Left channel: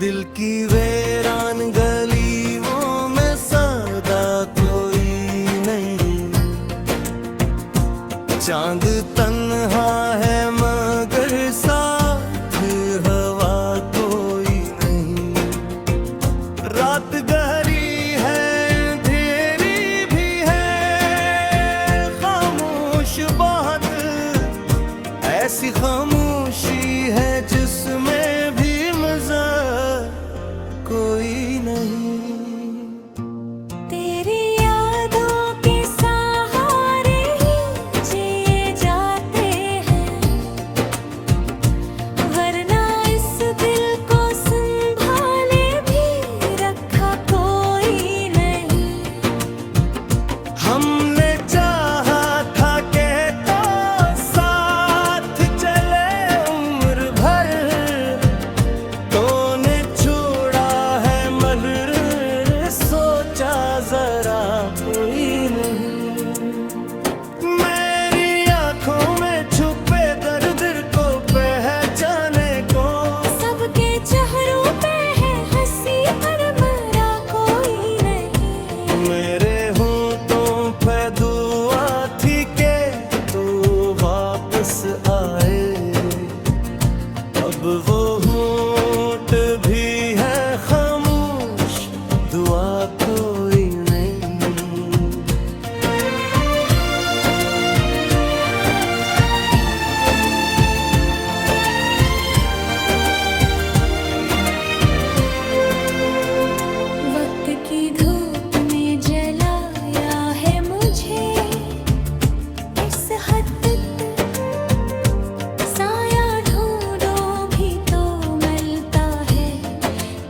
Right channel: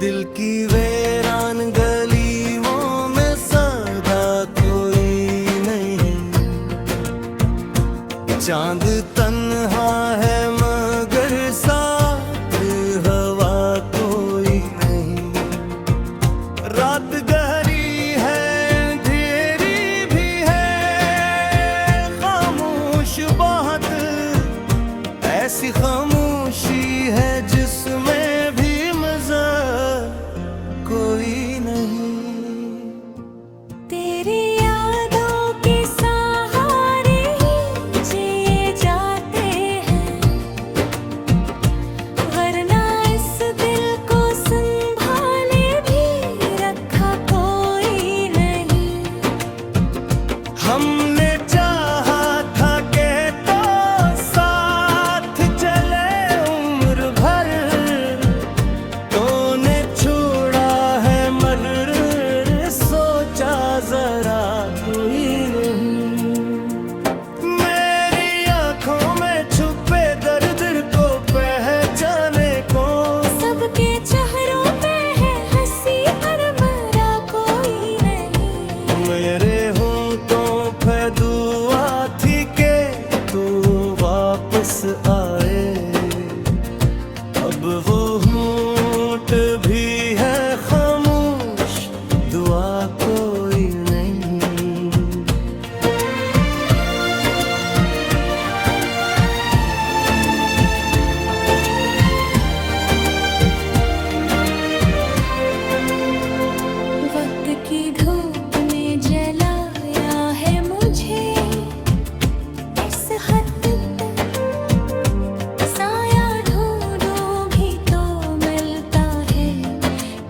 दिल की वीरान गलियों में सदा कोई नहीं। चांद तन्हा है मगर साथ हवा कोई नहीं। रात गहरी है अंधेरी भी है खामोश बहुत, ऐसी खामोशी है जिसमें भी मजा कोई नहीं। तेरी यादों के सहारे ही जिए जाते हैं, वरना इस दिल को संभाले भी रखा कोई नहीं। हमने चाहा था कि तो साथ चले उम्र भर, तूने छोड़ा है मगर सोचा जरा कोई नहीं। मेरी आंखों में छुपे दर्द को पहचाने को, सबके चेहरों पे है हंसी पर मरा कोई नहीं। मेरे होंठों पे दुआ थी कि तू वापस आए, अब वो होंठ भी है खामोश, दुआ कोई नहीं। वक्त की धूप ने जलाया है मुझे इस हद तक, साया ढूंढो भी तो मिलता है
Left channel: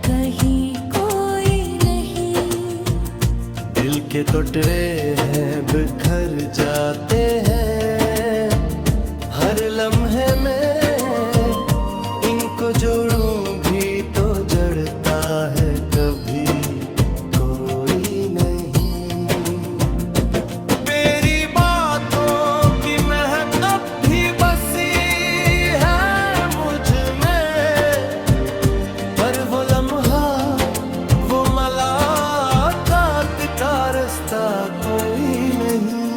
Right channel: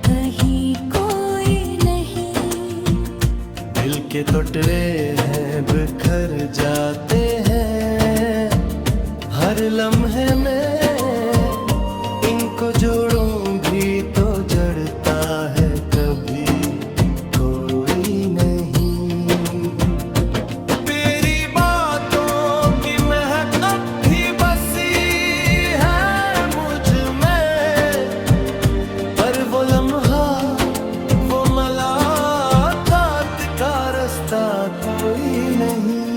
कहीं कोई नहीं। दिल के टुकड़े हैं बिखर जाते हैं हर लम्हे में, इनको जोड़ूं भी तो जड़ता है कभी कोई नहीं। तेरी बातों की महक अब भी बसी है मुझ में, पर वो लम्हा वो मुलाकात का रास्ता कोई नहीं।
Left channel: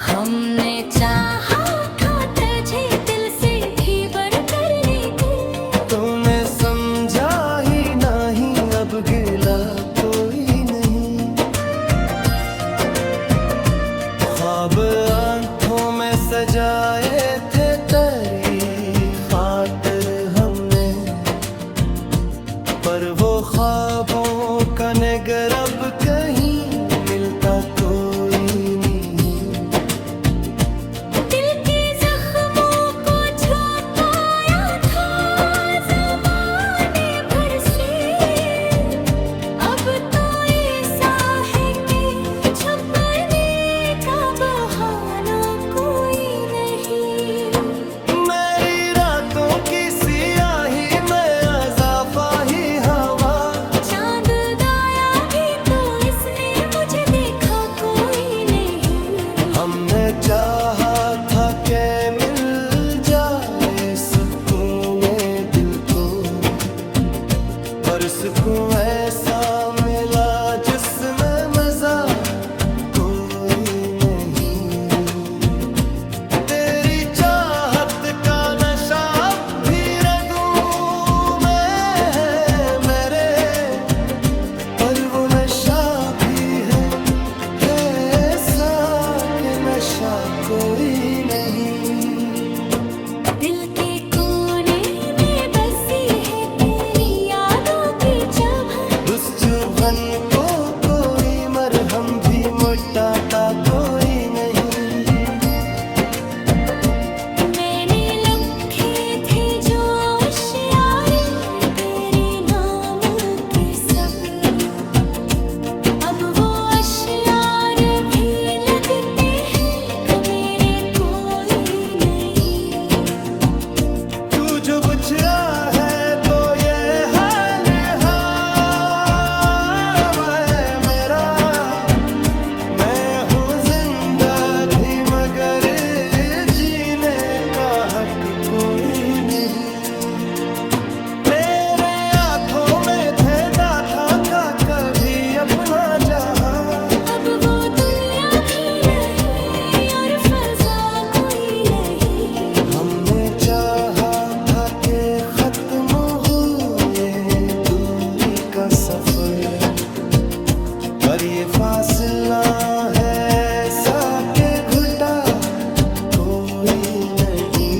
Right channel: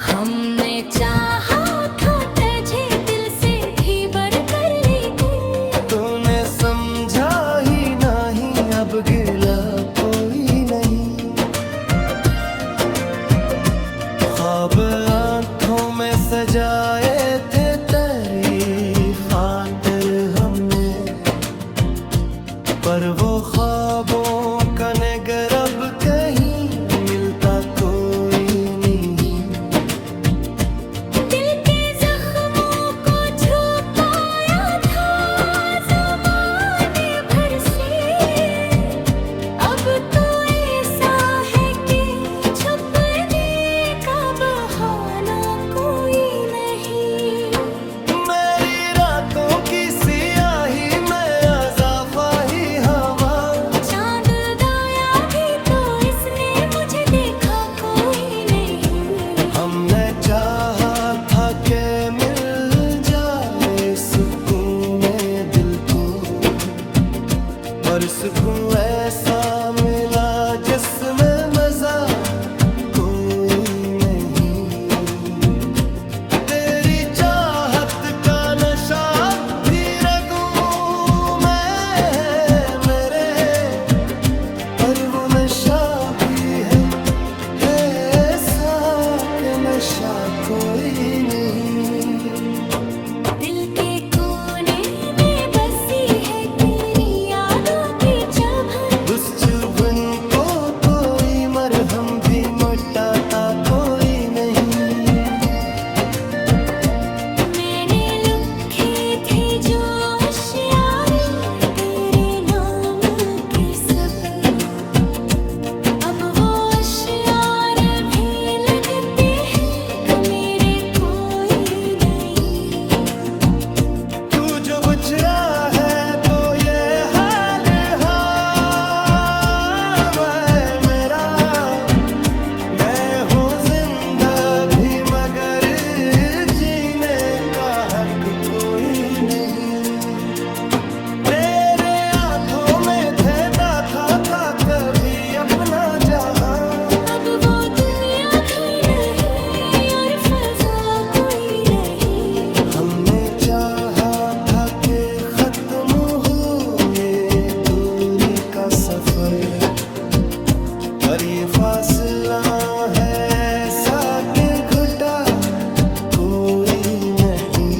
हमने चाहा था तुझे दिल से भी बढ़कर, लेकिन तूने समझा ही नहीं, अब गिला कोई नहीं। ख्वाब आंखों में सजाए थे तेरी खातिर हमने, पर वो ख्वाबों का नगर अब कहीं मिलता कोई नहीं। दिल के जख्मों को छुपाया था ज़माने भर से, अब तो ऐसा है कि छुपने का बहाना कोई नहीं। मेरी रातों की सियाही में अज़ाफ़ा ही हवा, चांद दाया भी तो इसने मुझे देखा कोई नहीं। हमने चाहा था कि मिल जाए सुकून में दिल को, पर सुकून ऐसा मिला जिसमें मजा कोई नहीं। तेरी चाहत का नशा अब भी रगों में है मेरे, पर वो नशा भी है ऐसा कि नशा कोई नहीं। दिल के कोने में बसी है तेरी यादों की चुभन, उस चुभन को कोई मरहम भी मिटाता कोई नहीं। मैंने लिखे थे जो अश्यारे तेरे नाम के सब, अब वो अश्यार भी लगते हैं कि मेरे कोई नहीं। अपना जहां। अब वो दुनिया भी नहीं और फजा कोई नहीं। हमने चाहा था कि खत्म हो ये दूरी का सफर, पर ये फासला है ऐसा के घुटा कोई नहीं।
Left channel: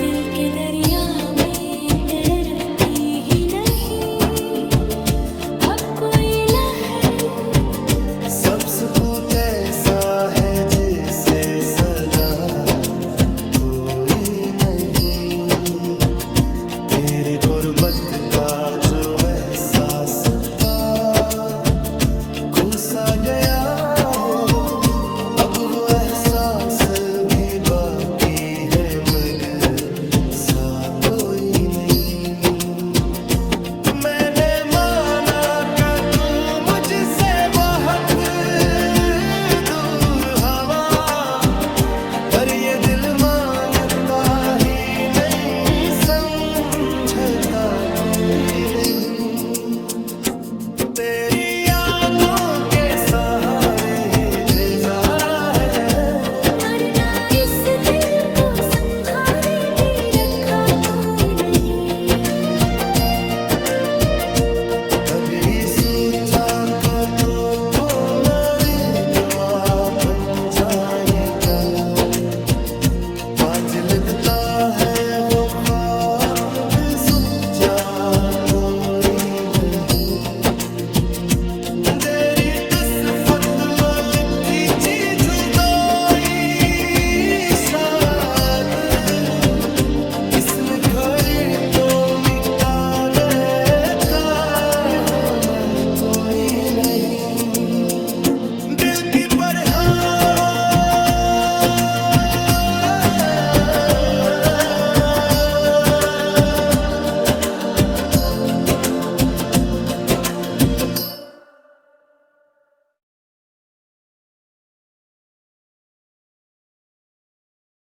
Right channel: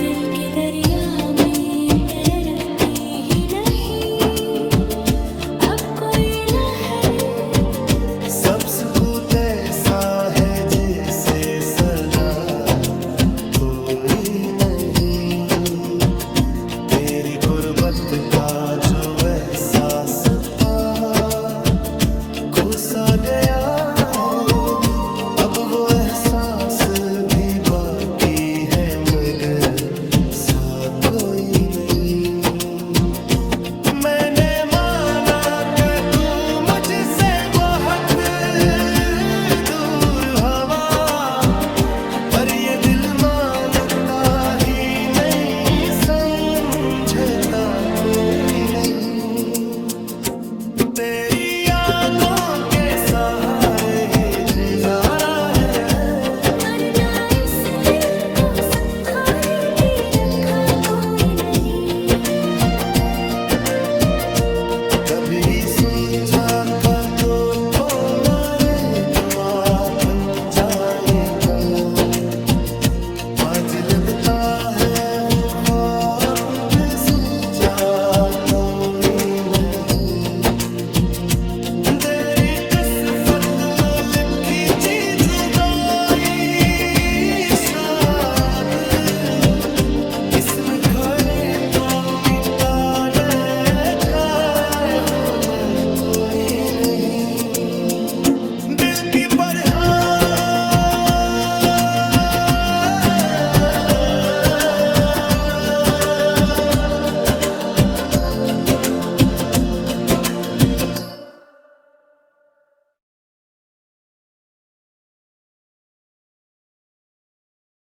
दिल के दरिया में तैरती ही नहीं अब कोई लहर। सब सुकूत ऐसा है जिसे सदा कोई नहीं। तेरी गुर्बत का जो एहसास था खुसा गया है, अब वो एहसास भी बाकी है मगर सा कोई नहीं। मैंने माना कि तू मुझसे बहुत दूर हवा, पर ये दिल मानता ही नहीं, समझता कोई नहीं। तेरी यादों के सहारे ही गुजारा है यह। मरना इस दिल को संभाले भी रखा कोई नहीं। कभी सोचा था तो मर दुआ बन जाएगा, आज लगता है वो